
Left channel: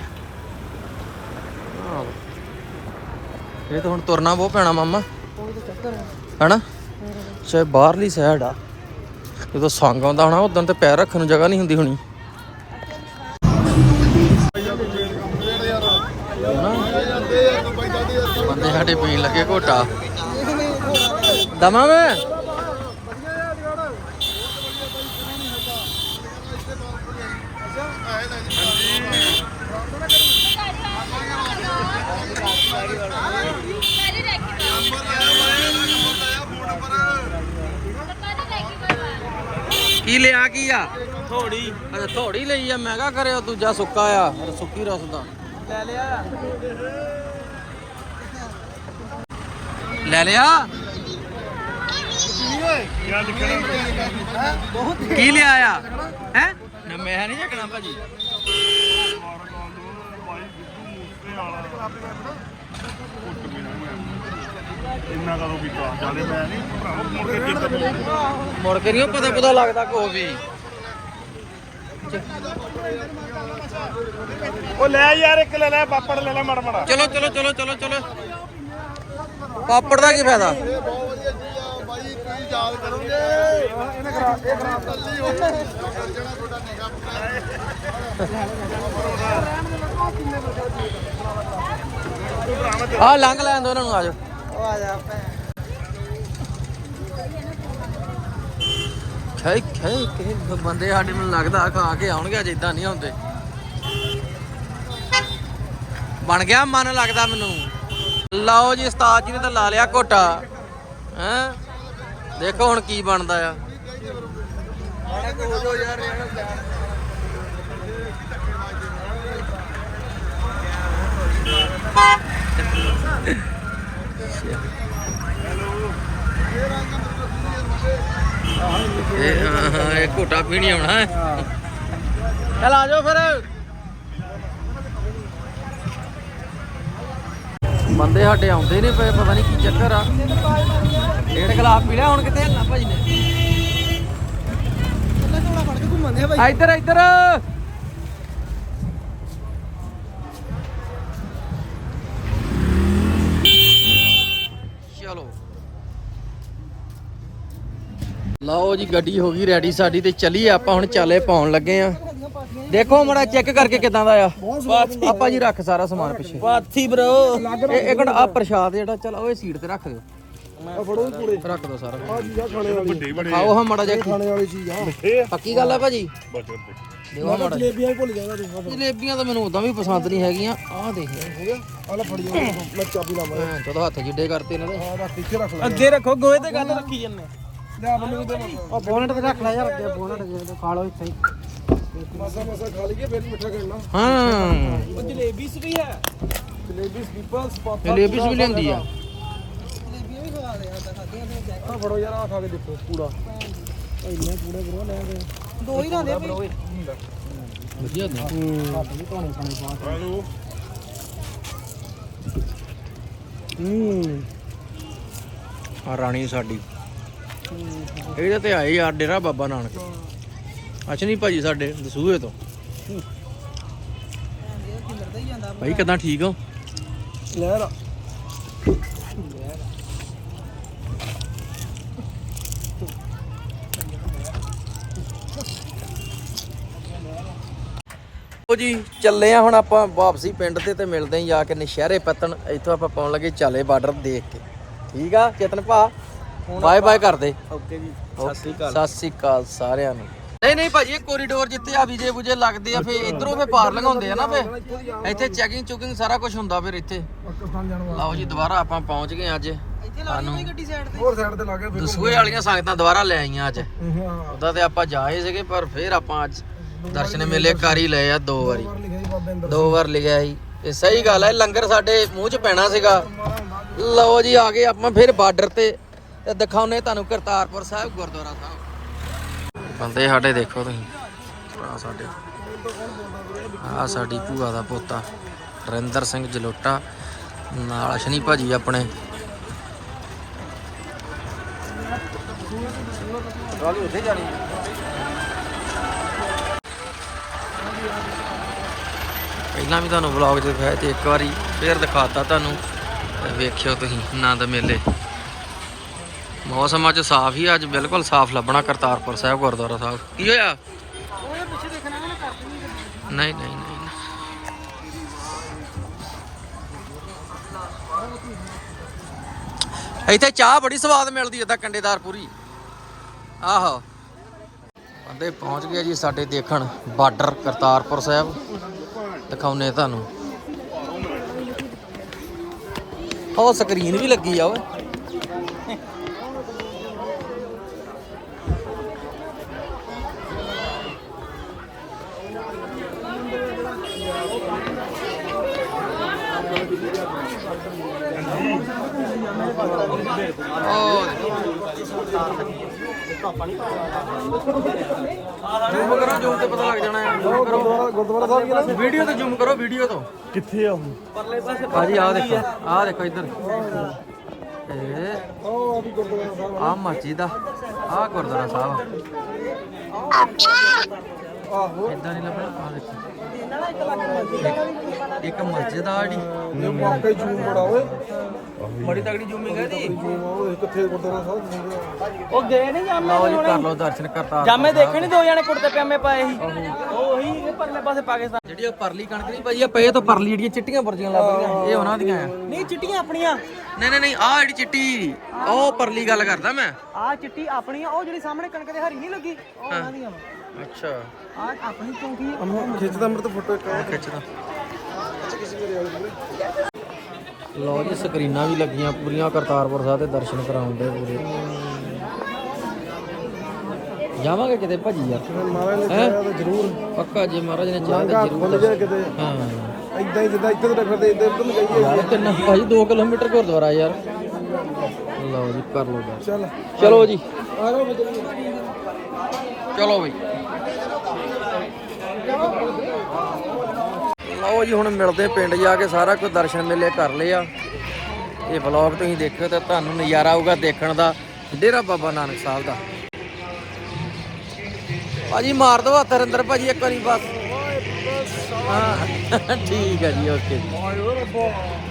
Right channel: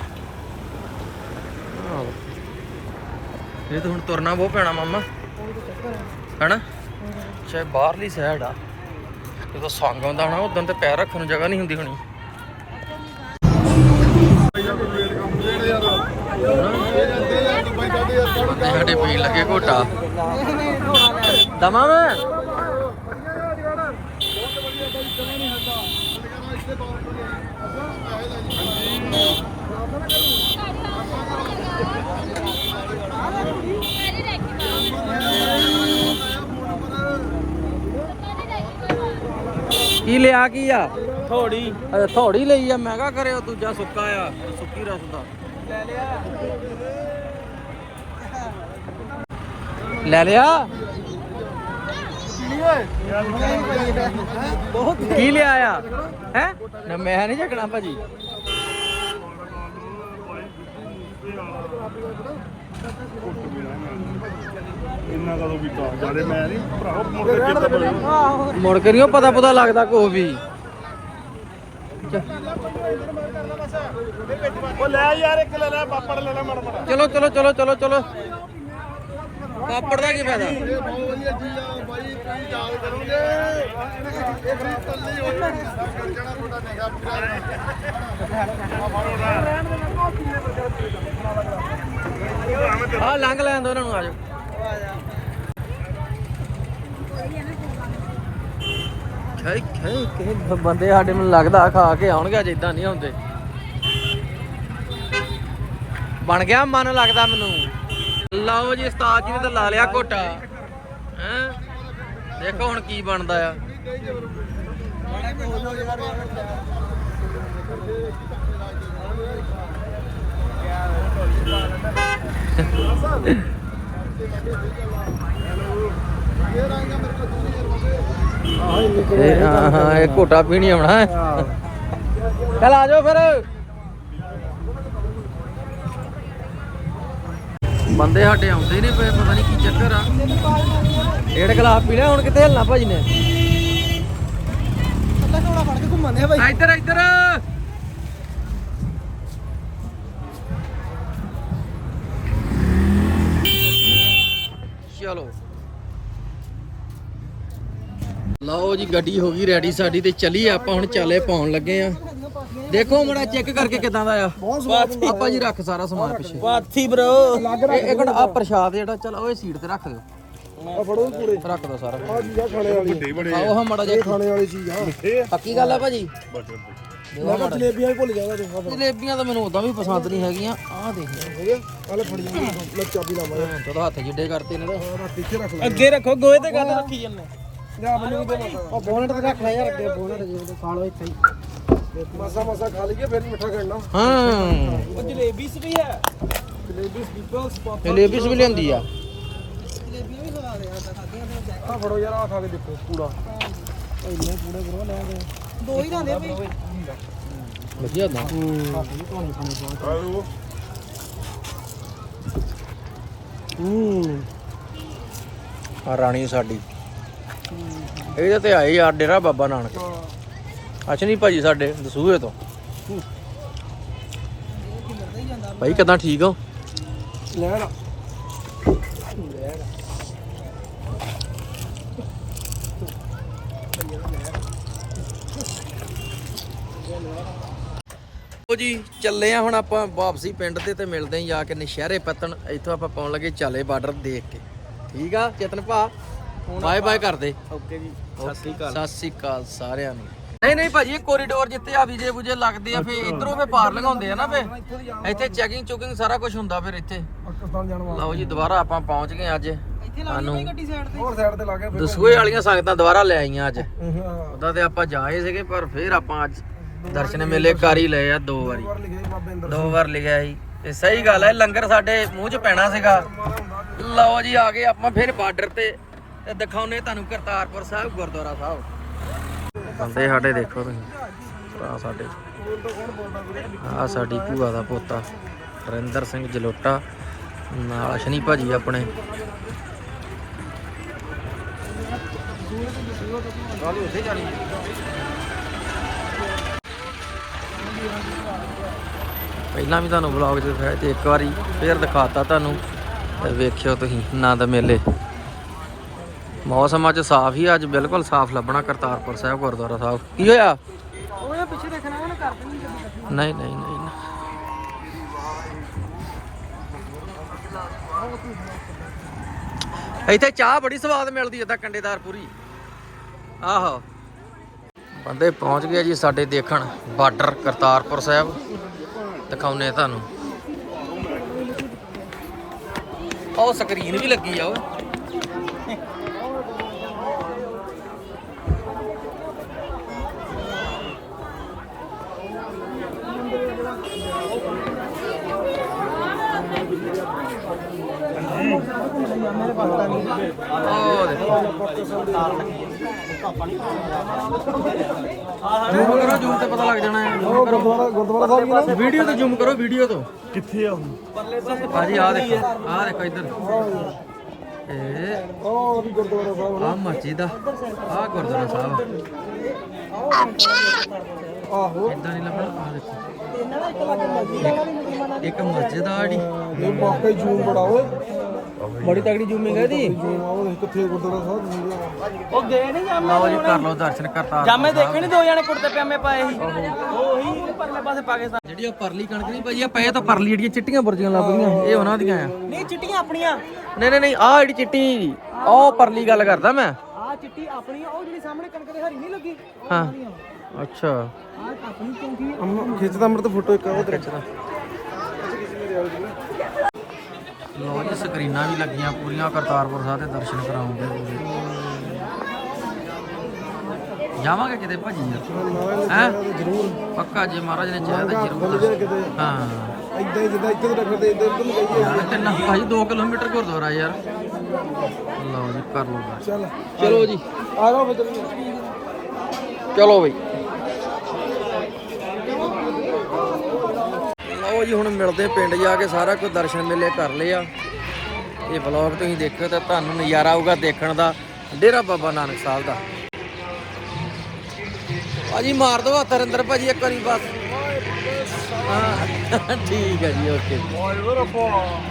ਇਹ ਤਾਂ ਹੁਣ ਤੁਰਨਾ ਬਹੁਤ ਪੈਣਾ ਮਾਮਾ। ਹਨਾ? ਚਾਹੇ ਬਾਹਰਲੀ ਸਾਈਡ ਆ। ਜਦੋਂ ਸੰਗ ਆਉਂਦਾ ਹੋਣਾ ਉਦੋਂ ਤੇ ਪੈਰ ਰੱਖਣ ਨੂੰ ਜਗ੍ਹਾ ਨਹੀਂ ਹੁੰਦੀ ਹੋਣੀ। ਬੰਦੇ ਸਾਡੇ ਪੀਣ ਲੱਗੇ ਘੋਟਾ। ਦਮਾ ਮੈਂ ਕੀ ਲਿਆ ਕੀ ਆ? ਥੋੜੀ। ਅਰੇ ਥੋੜੀ ਲਈ ਆ ਮੈਂ ਕਹਾ ਕਰਿਓ ਦੂਜਾ ਸੁੱਕਾ ਆ ਸੁੱਕੀ ਰਸ ਦਾ। ਲੈ ਲਿਆ। ਕੀ ਲਿਆ ਆ? ਹੈ? ਮੈਂ ਨਹੀਂ ਚੱਕਣਾ ਭਾਜੀ। ਇੰਨਾ ਕਰੋ ਵੀ ਚਾਰ ਜਾਲੇ ਮੈਂ ਨਹੀਂ ਭਰਾਓ ਮੁੜ ਕੇ ਚੇਤਾ ਪਵੇ ਮੁੜ ਕੇ ਨਹੀਂ ਪਤਾ ਪਤਾ ਲੱਗਦਾ ਕੋਈ ਵੀ। ਉਹ ਲੈ ਯਾਰ ਇੱਕ ਲੈ ਲੈ ਪਾਪੜ ਲੈ ਲੈ ਮੜ ਮੜਾ ਚਲੋ ਚਲੋ ਚਲੋ ਚਲੋ ਚਲੋ। ਪਾਪੜ ਦਾ ਕੀ ਫਾਇਦਾ? ਆ ਲੰਘ ਲੈਣ ਦੋ ਇਹਨਾਂ ਨੂੰ ਆਜੋ ਖੈ ਖੈ ਕਿ ਬੰਦੇ ਸਾਡੇ ਮੈਨੂੰ ਲੱਗਦਾ ਖਾ ਕੇ ਆਉਣਗੇ, ਅੱਜ ਇਦਾਂ ਨਹੀਂ ਆਉਂਦੇ ਬਣ ਗਿਆ, ਮਨ ਲੱਗਦਾ ਮੈਨੂੰ। ਲਓ ਜੀ, ਉਸਤਾਦ ਜੀ ਨੇ ਤਾਂ ਲਾ ਲਿਆ ਘੋਟਾ। ਹੈ? ਦੇਖੋ ਹੁਣ ਕੀ ਬਣਦਾ ਆ। ਇਹ ਹਾਂ ਹਾਂ ਇਹ ਘੋਟਾ ਪੀਣੀ ਆਉਣਾ ਹੈ ਚਲ ਆ ਜਾਓ ਫਿਰ ਬੰਦੇ ਸਾਡੇ ਆਉਂਦੇ ਨਹੀਂ ਪਏ ਪਤਾ ਨਹੀਂ ਕੀ ਚੱਕਰ ਆ। ਡੇਢ ਗਲਾਸ ਪੀ ਲਿਆ ਹੁਣ ਕਿੱਥੇ ਹਿਲਣਾ ਭਾਜੀ ਨੇ? ਥੋੜਾ ਫੜ ਕੇ ਭਾਈ। ਇੱਧਰ ਇੱਧਰ। ਚਲੋ। ਲਓ ਜੀ ਗੱਡੀ ਹੋ ਗਈ ਰੈਡੀ ਸਾਡੀ ਤੇ ਚੱਲੀਏ ਆਪਾਂ ਹੁਣ ਚਾਲੇ ਪਾਉਣ ਲੱਗੇ ਆ। ਦੇਖੋ ਮੜਾ ਚੈੱਕ ਕਰਕੇ ਕਿਦਾਂ ਦਾ ਆ। ਆਪਾਂ ਜੀ ਰੱਖ ਸਾਰਾ ਸਮਾਨ ਪਿੱਛੇ। ਪਾਥੀ ਬ్రో ਇਹ ਇੱਕ ਆ ਪ੍ਰਸ਼ਾਦ ਜਿਹੜਾ ਚਲ ਉਹ ਸੀਟ ਤੇ ਰੱਖ ਦਿਓ। ਆ ਫੜੋ ਪੂਰੇ। ਰੱਖ ਦਿਓ ਸਾਰਾ। ਆ ਜੀ ਆ ਖਾਣੇ ਵਾਲੀ। ਵੱਡੇ ਬੜੇ ਆਓ ਹਾਂ ਮੜਾ ਜਿਹਾ। ਖਾਣੇ ਵਾਲੀ ਚੀਜ਼ ਆ। ਪੱਕੀ ਗੱਲ ਆ ਭਾਜੀ? ਬਟਰ ਦੇਖੋ। ਮਾੜਾ ਜਿਹਾ। ਜਲੇਬੀਆਂ ਹੀ ਭੁੱਲ ਜਾਗਾ ਤੂੰ ਆ ਜਲੇਬੀਆਂ ਤਾਂ ਮੈਨੂੰ ਉਦਾਂ ਵੀ ਪਸੰਦ ਨਹੀਂ ਹੈਗੀਆਂ। ਆਹ ਦੇਖ ਹੋ ਗਿਆ? ਆ ਲੈ ਫੜ ਜਾ ਮੈਂ ਚਾਬੀ ਲਾਵਾਂ। ਹਾਂ ਚਲੋ ਹੱਥ ਜਿੱਡੇ ਕਰਤੇ ਇਹਨਾਂ ਦੇ। ਆ ਰੱਖ ਇੱਥੇ ਰੱਖ ਲੈ। ਅੱਗੇ ਰੱਖੋ ਗੋਏ ਤੇ ਗੱਲ ਰੱਖੀ ਜੰਨੇ ਲੈ ਮੈਨੂੰ ਦੇ ਆ ਬੋਨਟ ਤੇ ਰੱਖਣਾ ਯਾਰ ਅੱਗੇ ਬੋਨਟ ਜੇ ਖਾ ਲਓ ਇੱਥੇ ਮਸਾ ਮਸਾ ਖਾ ਲਈਏ ਫਿਰ ਮਿੱਠਾ ਕਰਨਾ। ਹਾਂ। ਉਹ ਜਲੇਬੀ ਵੀ ਹੈ। ਜਲੇਬੀ ਸਪੀਪਲਸ ਪਾਪਾ ਜਲੇਬੀਸ ਵੀ ਲੈਂਦੀ ਆ ਜਲੇਬੀਆਂ ਵੀ ਖਾ ਲਿਆ ਤਾਂ ਖਾਦੀਆਂ ਤੇ ਆ ਫੜੋ ਯਾਰ ਆ ਖਾ ਕੇ ਦੇਖੋ ਪੂੜਾ ਇੰਨੇ ਪੂੜੇ ਬਰੋ ਲੈ ਗਏ ਦੋ ਹੀ ਰਹਿੰਦੇ ਭਾਈ ਵਧੀਆ ਆਲੂ। ਹੂੰ। ਆ ਰਾਣੀ ਸਾਡੀ। ਇਹਦੇ ਤੇ ਆਏ ਯਾਰ ਡੇਰਾ ਬਾਬਾ ਨਾਨਕ। ਅਸ਼ਨੀ ਭਾਜੀ ਸਾਡੇ ਦਸੂਹੇ ਤੋਂ। ਭਾਈ ਕਿਦਾਂ ਠੀਕ ਹੋ? ਲੈ ਲਾ ਲਓ ਜੀ ਚੱਲੇ ਆ ਹੁਣ ਆਪਾਂ ਵਾਪਸੀ ਪਿੰਡ ਤੇ ਤੇ ਮਿਲਦੇ ਆਂ ਜਾ ਕੇ ਨਸ਼ਹਿਰੇ ਪਤਨ ਇੱਥੋਂ ਆਪਾਂ ਪਾਉਣ ਲੱਗੇ ਚਾਲੇ ਬਾਰਡਰ ਦੇਖ ਕੇ। ਠੀਕ ਆ ਚੇਤਨ ਭਾ? ਬਾਏ ਬਾਏ ਕਰਦੇ। ਓਕੇ ਜੀ ਸਤਿ ਸ੍ਰੀ ਅਕਾਲ। ਸਤਿ ਸ੍ਰੀ ਅਕਾਲ ਸਾਰਿਆਂ ਨੂੰ। ਨਹੀਂ ਨਹੀਂ ਭਾਜੀ ਇਹ ਕੋਰੀਡੋਰ ਜਿੱਥੇ ਆ ਵੀਜੇ ਬੁਜੇ ਲੱਗਦੇ ਆ ਫੇ ਇਧਰੋਂ ਫੇ ਪਾਰ ਲੰਘਾਉਂਦੇ ਆ ਨਾ ਫੇ ਇੱਥੇ ਚੈਕਿੰਗ ਚੁਕਿੰਗ ਸਾਰਾ ਕੁਝ ਹੁੰਦਾ ਫਿਰ ਇੱਥੇ। ਪਾਕਿਸਤਾਨ ਜਾਣ ਵਾਲਾ। ਲਓ ਜੀ ਦੁਬਾਰਾ ਆਪਾਂ ਪਹੁੰਚ ਗਏ ਅੱਜ। ਸਾਨੂੰ ਹੋਰ ਸਾਈਡ ਤੇ ਲਾ ਦਸੂਏ ਵਾਲੀਆਂ ਸੰਗਤਾਂ ਦੁਬਾਰਾ ਲੈ ਆਈਆਂ ਅੱਜ। ਉਦੋਂ ਤੇ ਆਪਾਂ ਜਾਏ ਸੀਗੇ ਪਰ ਫਿਰ ਆਪਾਂ ਅੱਜ ਦਰਸ਼ਨ ਮੇਲੇ ਕਰ ਹੀ ਲਏ ਆ ਦੋ ਵਾਰੀ। ਦੋ ਵਾਰ ਲਿਖਿਆ ਸੀ। ਤੇ ਸਹੀ ਗੱਲ ਹੈ ਲੰਗਰ ਸਾਡੇ ਮੂੰਹ 'ਚ ਪੈਣਾ ਸੀਗਾ। ਲਓ ਜੀ, ਆ ਗਏ ਆਪਾਂ ਫਿਰ ਬਾਰਡਰ ਤੇ। ਤੇ ਦਿਖਾਉਨੇ ਤੁਹਾਨੂੰ ਕਰਤਾਰਪੁਰ ਸਾਹਿਬ, ਗੁਰਦੁਆਰਾ ਸਾਹਿਬ। ਬੰਦੇ ਸਾਡੇ ਦੇਖੋ ਤੁਸੀਂ, ਭਰਾ ਸਾਡੇ। ਆ ਸਾਡੀ ਭੂਆ ਦਾ ਪੋਤਾ ਰਿੰਦਰ ਸਿੰਘ ਜਲੋਟਾ। ਨਾਲ ਅਸ਼ਨੀ ਭਾਜੀ ਆਪਣੇ। ਪਹਿਲਾਂ ਵੀ ਤੁਹਾਨੂੰ ਵਲੌਗ 'ਚ ਦਿਖਾਇਆ ਤੇ ਇੱਕ ਵਾਰੀ ਫੇਰ ਦਿਖਾਤਾ ਤੁਹਾਨੂੰ। ਵੇਖਿਓ ਤੁਸੀਂ ਆਨੰਦ ਮੇਲੇ। ਮੌਸਮ ਅੱਜ ਸਾਫ਼ ਹੀ ਅੱਜ ਬਿਲਕੁਲ ਸਾਫ਼ ਲੱਭਣਾ ਕਰਤਾਰਪੁਰ ਸਾਹਿਬ ਗੁਰਦੁਆਰਾ ਸਾਹਿਬ। ਕੀ ਹੋਇਆ? ਉਹ ਪਿੱਛੇ ਦੇਖਣਾ ਨਾ ਕਰ ਨਹੀਂ ਨਹੀਂ ਨਹੀਂ। ਇੱਥੇ ਚਾਹ ਬੜੀ ਸਵਾਦ ਮਿਲਦੀ ਏਦਾਂ ਕੰਡੇਦਾਰ ਪੂਰੀ। ਆਹੋ। ਬੰਦੇ ਪਹੁੰਚ ਗਏ ਜੀ ਸਾਡੇ ਦੇਖਣ ਬਾਰਡਰ ਕਰਤਾਰਪੁਰ ਸਾਹਿਬ। ਦਿਖਾਉਨੇ ਤੁਹਾਨੂੰ। ਉਹ ਸਕਰੀਨ ਵੀ ਲੱਗੀ ਆ ਓਏ। ਉਹ ਦੇਖੋ। ਜ਼ੂਮ ਤੇ ਪਤਾ ਲੱਗ ਜਾਣਾ ਹੈ। ਜ਼ੂਮ ਕਰੋ। ਵੀਡੀਓ ਤੇ ਜ਼ੂਮ ਕਰੋ ਵੀਡੀਓ ਤੋਂ। ਕਿੱਥੇ ਆ ਉਹ ਭਾਜੀ ਆ ਦੇਖੋ ਆ ਦੇਖੋ ਇੱਧਰ। ਇਹ ਆ ਮਸਜਿਦ ਆ ਆ ਗੁਰਦੁਆਰਾ ਸਾਹਿਬ ਇਦਾਂ ਨਹੀਂ ਲੱਭਣਾ ਆ ਦੇਖੋ। ਇੱਕ ਮਸਜਿਦ ਆ ਜਿਹੜੀ ਵਾਕਈ ਜੂਮ ਬੜਾ ਓਏ। ਬੜੀ ਤਗੜੀ ਜ਼ੂਮਿੰਗ ਹੈ ਦੀ ਕਿੱਥੇ ਗੁਰਦੁਆਰਾ ਸਾਹਿਬ ਉਹ ਗਏ ਨਹੀਂ ਜਾਮੇ ਜੀ ਕਰ ਲਓ ਦਰਸ਼ਨ ਕਰਤਾ। ਜਾਮੇ ਦੇਖੇ ਨਹੀਂ ਦੋ ਜਣੇ ਕੁੜਤੇ ਪਜਾਮੇ ਪਾਏ ਸੀ? ਉਹੀ ਇਹ ਪਰਲੇ ਪਾਸੇ ਪਾਕਿਸਤਾਨ। ਜਿਹੜੀ ਉਹ ਪਰਲੀ ਕਣਕ ਨਹੀਂ ਭਾਜੀ ਆ ਪਏ ਤਾਂ ਪਰਲੀ ਜਿਹੜੀਆਂ ਚਿੱਟੀਆਂ ਬੁਰਜੀਆਂ ਲੱਗਦੀਆਂ ਇਹ ਉਹਨਾਂ ਦੀਆਂ ਆ। ਨਹੀਂ ਚਿੱਟੀਆਂ ਆਪਣੀਆਂ। ਨਹੀਂ ਨਹੀਂ ਨਹੀਂ ਆ ਜਿਹੜੀ ਚਿੱਟੀ ਉਹ ਪਰਲੀ ਗੱਲ ਕਰਦਾ ਮੈਂ। ਆ ਚਿੱਟੀ ਆਪਣੀ ਉਹ ਜਿਹੜੀ ਸਾਹਮਣੇ ਕਣਕ ਦੇ ਹਰੀ ਨਹੀਂ ਲੱਗੀ ਉਹ। ਉਹਨਾਂ ਦੀਆਂ ਅੱਛਾ। ਆ ਆਪਣੀ ਚੌਂਕੀ ਅੰਮਾ ਖਿੱਚਦਾ ਮਰ ਤਾਂ ਫੋਟੋ ਇੱਕ। ਖਿੱਚਦਾ। ਲੋ ਜੀ ਸਕਰੀਨਾਂ ਵੀ ਲੱਗੀਆਂ ਪੂਰੀਆਂ ਕਰਤਾਰਪੁਰ ਸਾਹਿਬ ਦੇ ਦਰਸ਼ਨ ਕਰਾਉਂਦੇ ਪੂਰੇ। ਜਾਵਾਂਗੇ ਕਿਤੇ ਭਾਜੀ ਯਾਰ? ਹੈ ਜ਼ਰੂਰ। ਪੱਕਾ ਜੇ ਮਹਾਰਾਜ ਨੇ ਚਾਹਿਆ ਤਾਂ ਜ਼ਰੂਰ ਹਾਂ। ਇਦਾਂ ਹੀ ਜਿੱਦਾਂ ਇੱਥੇ ਤੋਂ ਫਿਰਦੇ ਇੱਧਰ ਤੋਂ ਜਾਈਏ। ਕਿੰਨਾ ਭਾਜੀ 2 ਕਿਲੋਮੀਟਰ ਗੁਰਦੁਆਰਾ ਯਾਰ। ਲਓ ਜੀ ਕਰ ਲਓ। ਚੱਲ। ਚਲੋ ਜੀ। ਆ ਜਾਓ ਚਲੋ ਬਈ। ਲਓ ਜੀ, ਹੁਣ ਮਿਲਦੇ ਪਿੰਡ ਜਾ ਕੇ, ਸਾਰਾ ਕੁਝ ਦਰਸ਼ਨ ਮੇਲੇ ਕਰ ਲਿਆ ਇਹ ਵਲੌਗ ਤੁਸੀਂ ਦੇਖੋ ਤਾਂ ਤੁਹਾਨੂੰ ਨਜ਼ਾਰਾ ਆਊਗਾ ਦੇਖਣ ਦਾ, ਡੇਰਾ ਬਾਬਾ ਨਾਨਕ ਸਾਹਿਬ ਦਾ। ਭਾਜੀ, ਮਾਰ ਦੋ ਹੱਥ, ਹਰਿੰਦਰ ਭਾਜੀ, ਇੱਕ ਵਾਰੀ ਬਸ। ਹਾਂ, ਠੀਕ ਹੈ ਜੀ, ਓਕੇ। ਜੀ